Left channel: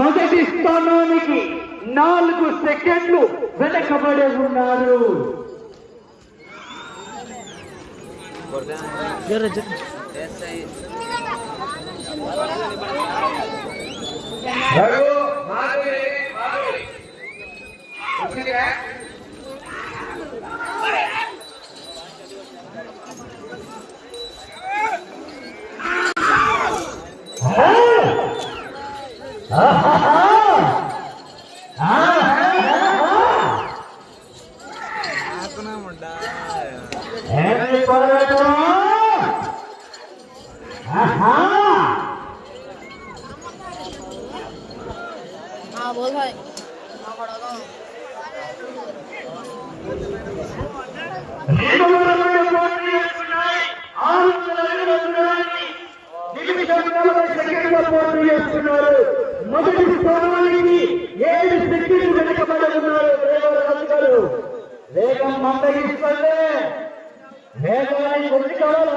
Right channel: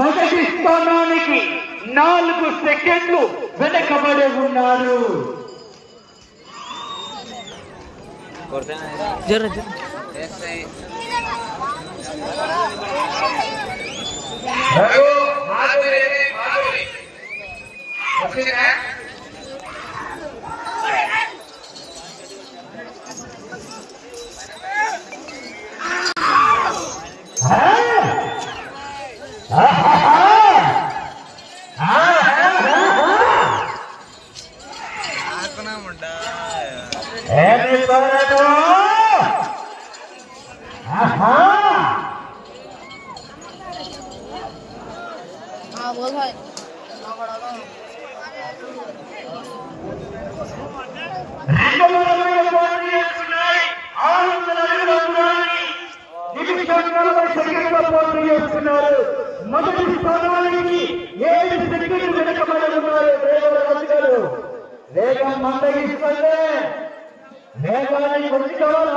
మొదటి స్థానానికి 4 సెకండ్లు వెనకబడి ఉన్నారు. बोल भाई మొదటి స్థానానికి 7 సెకండ్లు వెనకబడి ఉన్నారు. వేగం మందగిస్తుంది. వేగానికి వచ్చి కావాలా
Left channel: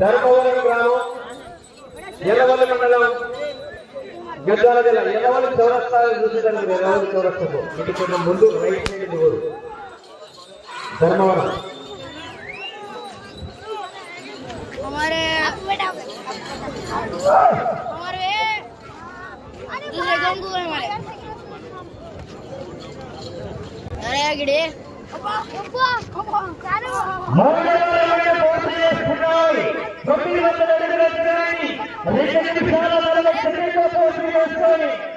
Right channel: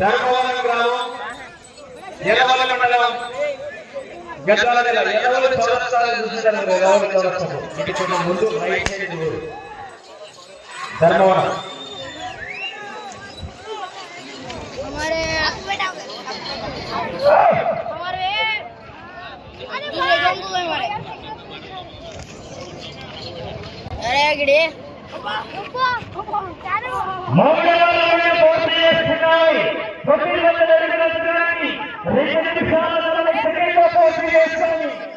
ధర్మవరం గ్రామం ఎర్రవల్ల మండలం గద్వాల జిల్లా ఎర్రవల్లి చౌరస్తా చూసేదాన్ని ఎర్రవల్లి చౌరస్తాకు ఇంటికి ముందు రైట్ సైడ్ ఊరు धर्मवरम हमारे अरे गिड़े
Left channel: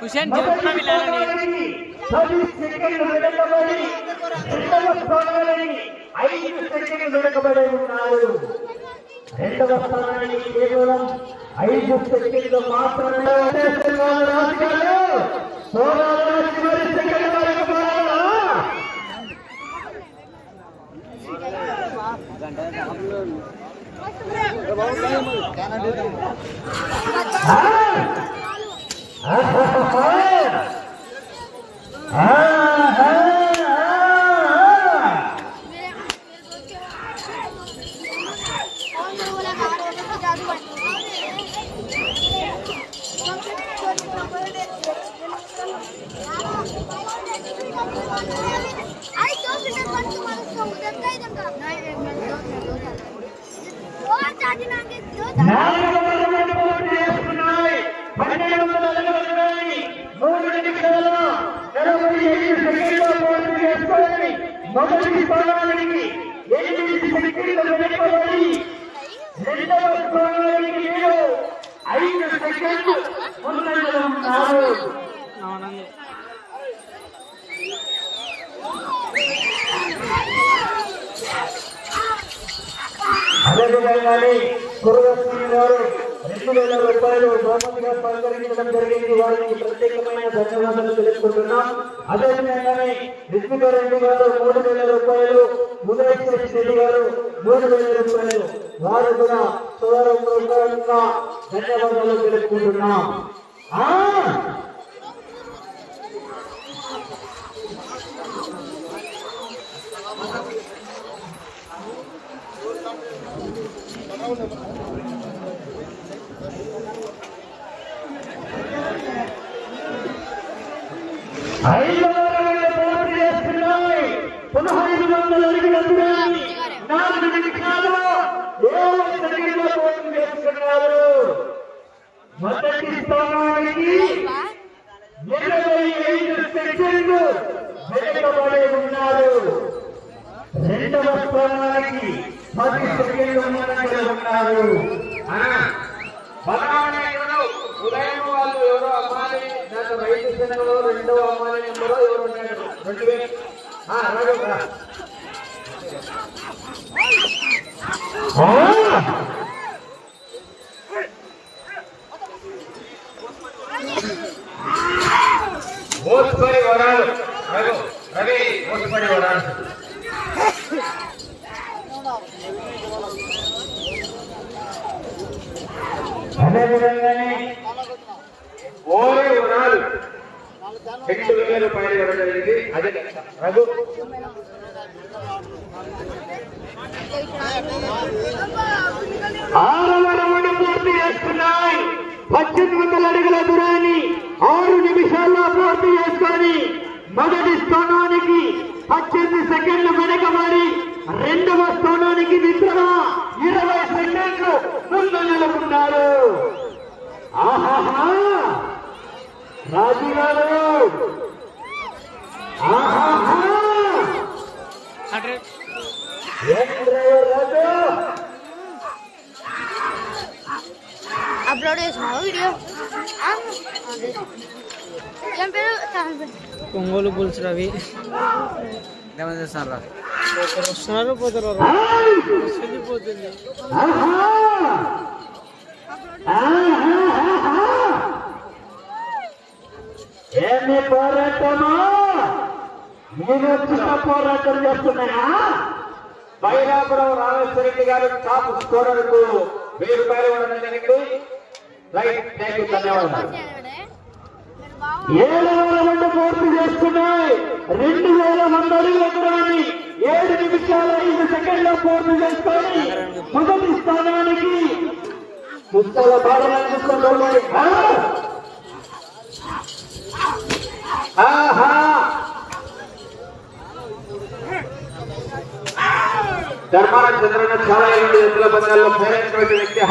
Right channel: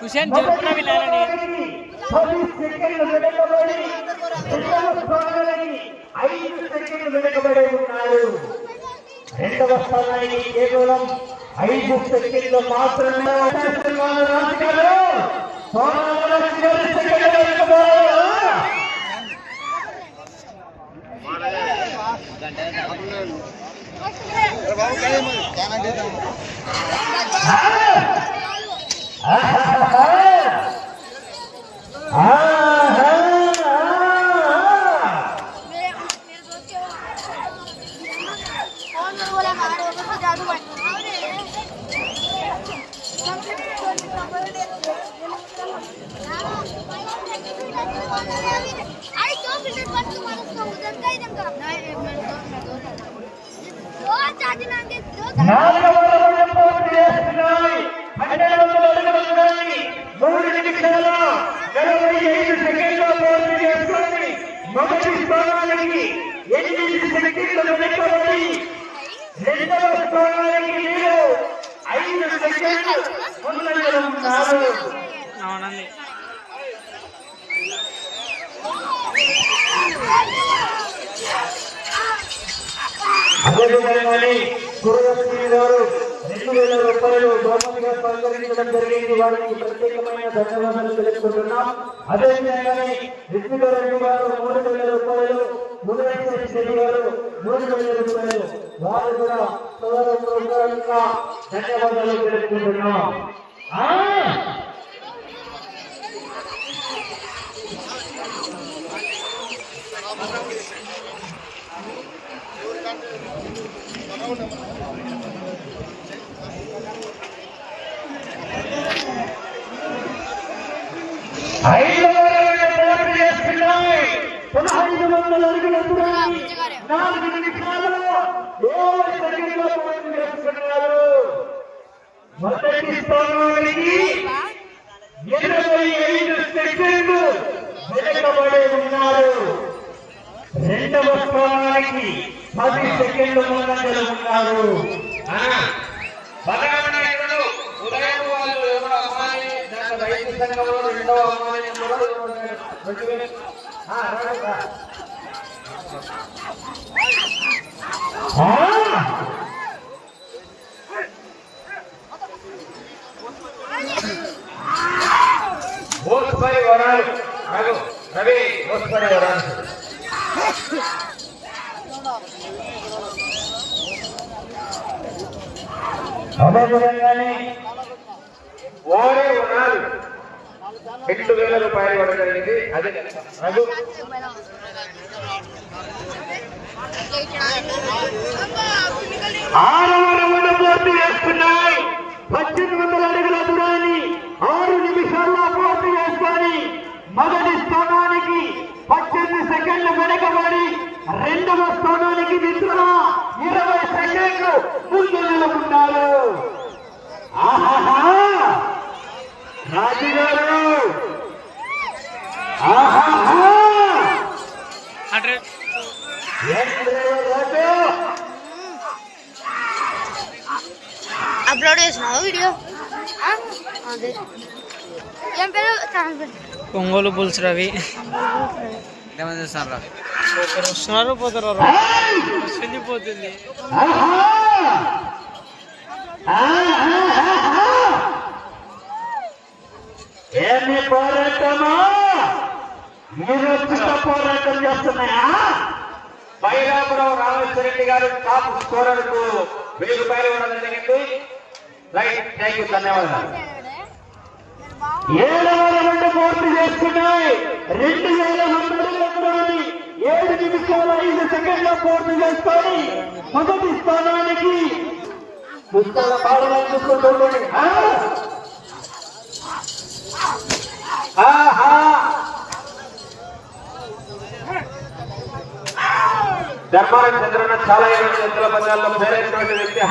हुसैन जयपुरा भी लाना नहीं 10 సెకండ్లు వెనకబడి 2వ స్థానానికి 5 సెకండ్లు వెనకబడి ఉన్నారు. 2వ స్థానానికి కేవలం 5 సెకండ్లు మాత్రమే మొదటి స్థానానికి 8 సెకండ్లు వెనకబడి 2వ స్థానానికి 5 సెకండ్లు ముందంజలో ఉన్నారు. అవునండి అదేవిధంగానే కురవశ్రీ గారు 2000 రూపాయలు బహుమతిగా స్వీకరించడం జరిగింది. వారికి ప్రత్యేకమైన ధన్యవాదాలు తెలుపుకుంటున్నాం. అదేవిధంగానే విష్ణుగారెడ్డి గారు 3000 రూపాయలు, గుణశేఖర్ రెడ్డి గారు 3000 రూపాయలు, వారు కూడా సోదరులుగా ధన్యవాదాలు తెలుపుకుంటున్నాం. పునః 500 అడుగుల దూరాన్ని 4 నిమిషాలు 7 సెకండ్ల పూర్తి చేస్తున్నారు. మొదటి స్థానానికి 25 సెకండ్లు వెనకబడి ఉన్నారు. 2వ స్థానానికి 10 సెకండ్లు ముందంజలో ఉన్నారు. ఉదయం వాళ్ళు ఎవరో అమ్మాయిని దాంట్లో రైతు సంఘంలో 2వ అమ్మాయిని కూడా అదేవిధంగానే ఓరే వరాలు 2,000 రూపాయలు ఇవ్వడం జరిగింది. అదే లెక్క. రఘు ఆరవ రౌండ్ పూర్తి చేసుకున్నాయి. 1800 అడుగుల దూరాన్ని 6 నిమిషాల్లో పూర్తి చేసుకొని మొదటి స్థానానికి 18 సెకండ్లు వెనకబడి రెండవ స్థానానికి మిత్రుల 20 సెకండ్లు ముందంజలో ఉన్నారు. ఆహాహా రాజుగారు, ఆహాహా ఏం రాజు అప్లోడ్ చేసినావు వీడియో ఏం పేరు ఒంగోలు బుల్స్ రవి వస్తున్నారు పోతారు పోతుంది. ఏమి పోరాటమా? మీరు వచ్చిన పోరాటం చేస్తున్నాయా? బైరాపురం రామేశ్వరరెడ్డి గారు టాప్ స్కోరర్ కు 1000 రూపాయలు ఇవ్వడం జరిగింది. రైట్, థ్యాంక్ యూ, ధన్యవాదాలు. 7వ రౌండ్ పూర్తి చేసుకున్నాయి. 2,100 అడుగుల దూరాన్ని 7 నిమిషాల 5 సెకండ్లో పూర్తి చేసుకొని మొదటి స్థానానికి ధర్మాన చంద్రన్న చాలా మంది ఎద్దుల పందాల్లో పేరైనటువంటి వ్యక్తి.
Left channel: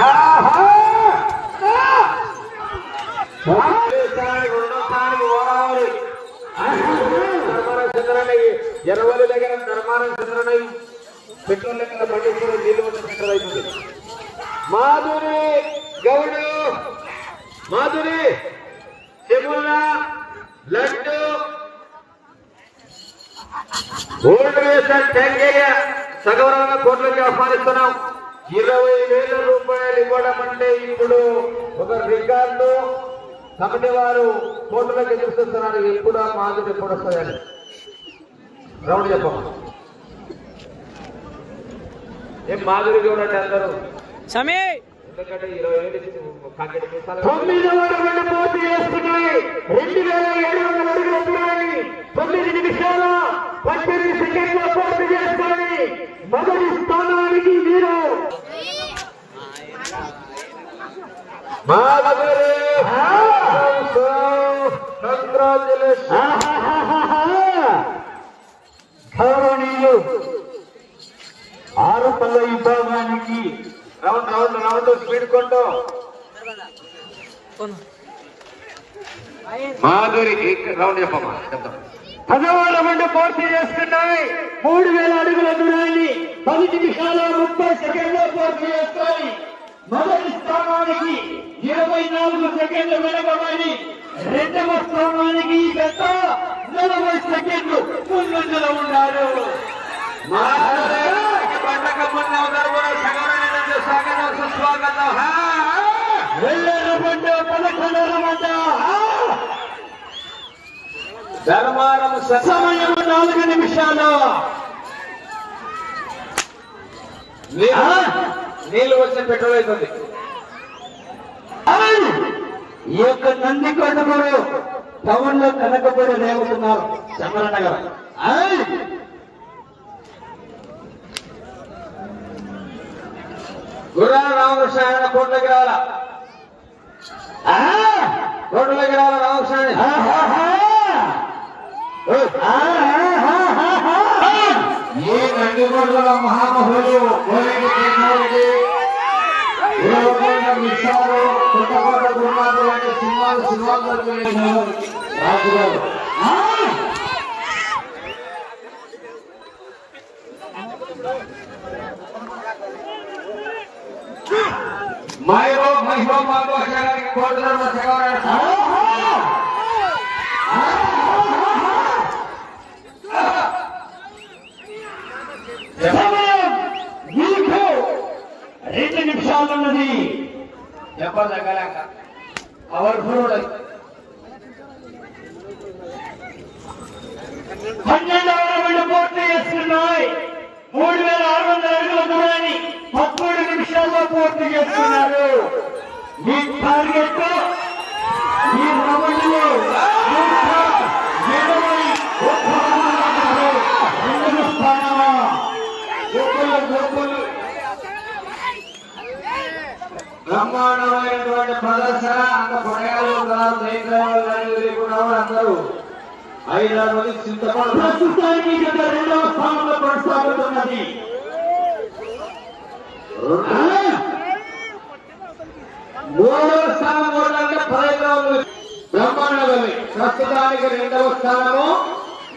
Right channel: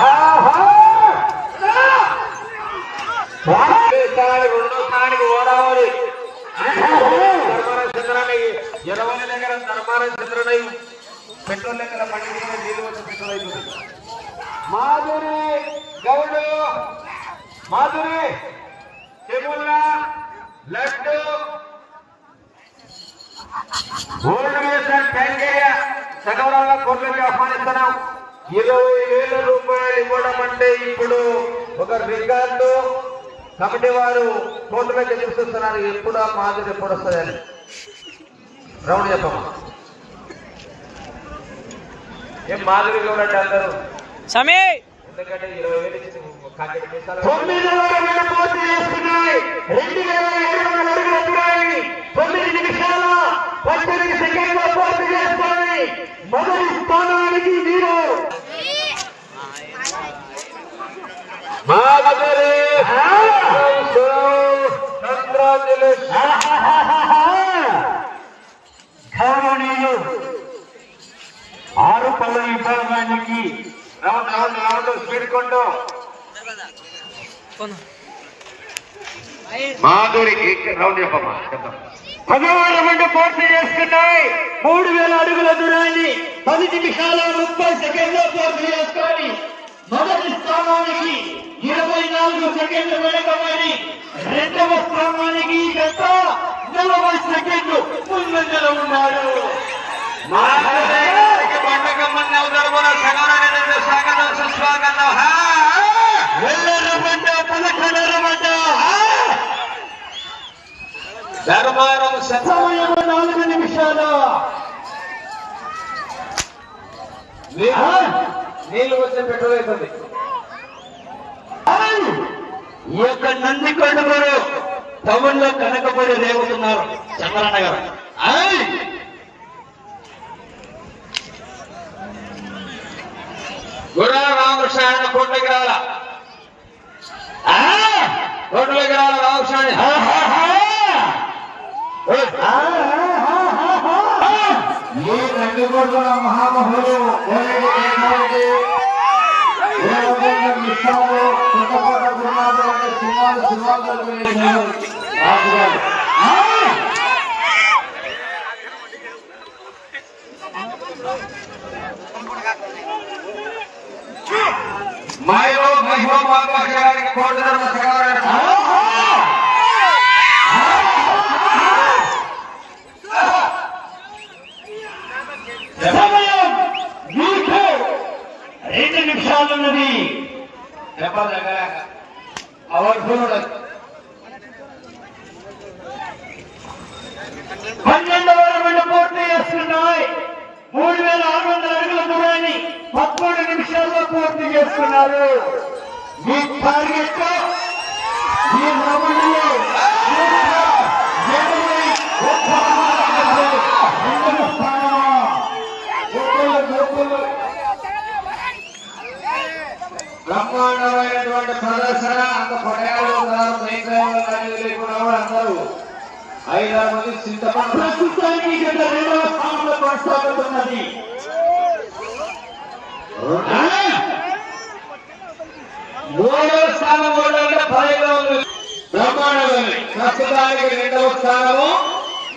రెండో స్థానానికి ఓడాలి. ధర్మాన చంద్రన్న ఎరవలి దగ్గర ధర్మాన చంద్రన్న పెట్రోల్ లెక్కల పండుగ నీళ్ళు పెట్రోల్ అయిపోతుంది. మాధురి గౌడు, మాధురి తిరుమల లడ్డు సగౌరవంగా కోట్లకి ఆహ్వానిస్తున్నాం. 20,000 రూపాయలు ఇవ్వడం అంటే ఇప్పుడు ఒక రికార్డు. కమిటీ వారు కోర్టులోకి ఎదురు చూస్తున్నారు. ఎప్పుడు ఆ మాధురి ఎప్పుడు వస్తుందని రౌండ్ చెప్పమ్మా. ఏం మాధురి గౌడ్ అంటే అందరూ సమీ ఎందుకంటే 20,000 ఇచ్చింది. 9వ రౌండ్ పూర్తి చేసుకున్నాయి. 2,700 అడుగుల దూరాన్ని 9 నిమిషాల 18 సెకండ్లో పూర్తి చేసుకొని మొదటి స్థానానికి మీరు గౌరవనీయులు 6 పళ్ళ విభాగానికి రౌండ్ రౌండ్ రౌండ్ స్పీడ్ కొంటూ మాధురికి రౌండ్ చెప్పమ్మా. 10వ రౌండ్ పూర్తి చేసుకున్నాయి. 3,000 అడుగుల దూరాన్ని 10 నిమిషాల 30 సెకండ్లో పూర్తి చేసుకొని మొదటి స్థానానికి 24 సెకండ్లు వెనకబడి రెండవ స్థానానికి గత 40 సెకండ్లు ముందంజలో ఉన్నారు. ధర్మారం సమయం 4 నిమిషాలు. నీళ్ళు వచ్చే పెట్రోల్ అవుతుంది. ఈ యొక్క నంది కొండలు టౌన్ లో కనకబడి రేగుతున్నారు చంద్రన్న గారు. గుర్రా రామకృష్ణ ఆయన కోట్లకి రాల రామకృష్ణ ఈ నందికొండల మహామహులు విషయాలు చుట్టపట్ల గురునాథులు అంటే సినిమాలు మహిళ గారికి కోటి మీకు 2 నిమిషాలు ఉన్నది. అవర్ ఫుడ్ 12వ రౌండ్ పూర్తి చేస్తున్నాయి. 3,600 అడుగుల దూరాన్ని 13 నిమిషాల్లో పూర్తి చేస్తున్నారు. ఈ టార్గెట్ ఈ రౌండ్లో సరే అంత కొనగానే ఉన్నారు అందరూ 5-6 మంది చింతపండు ప్రస్తుతానికి జత రెండవ స్థానంలో కొనసాగుతున్నది. మూడవ స్థానం కూడా అంటే 15గా ఉంది. బ్రహ్మాండంగా ప్రస్తుతానికి రెండవ స్థానము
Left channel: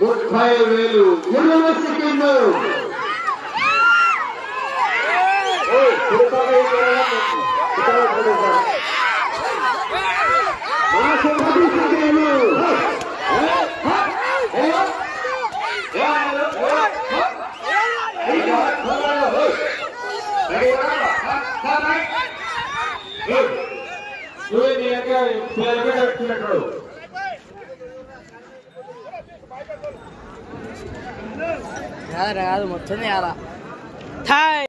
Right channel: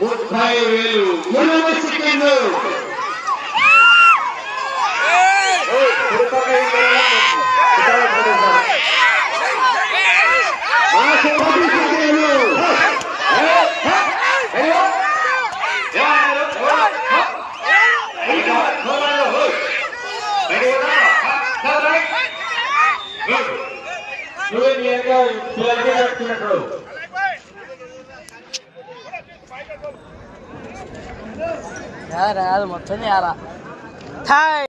30,000 8 సెకండ్లు. ఆ 10 సెకండ్లు. కాదు మొత్తం హాయ్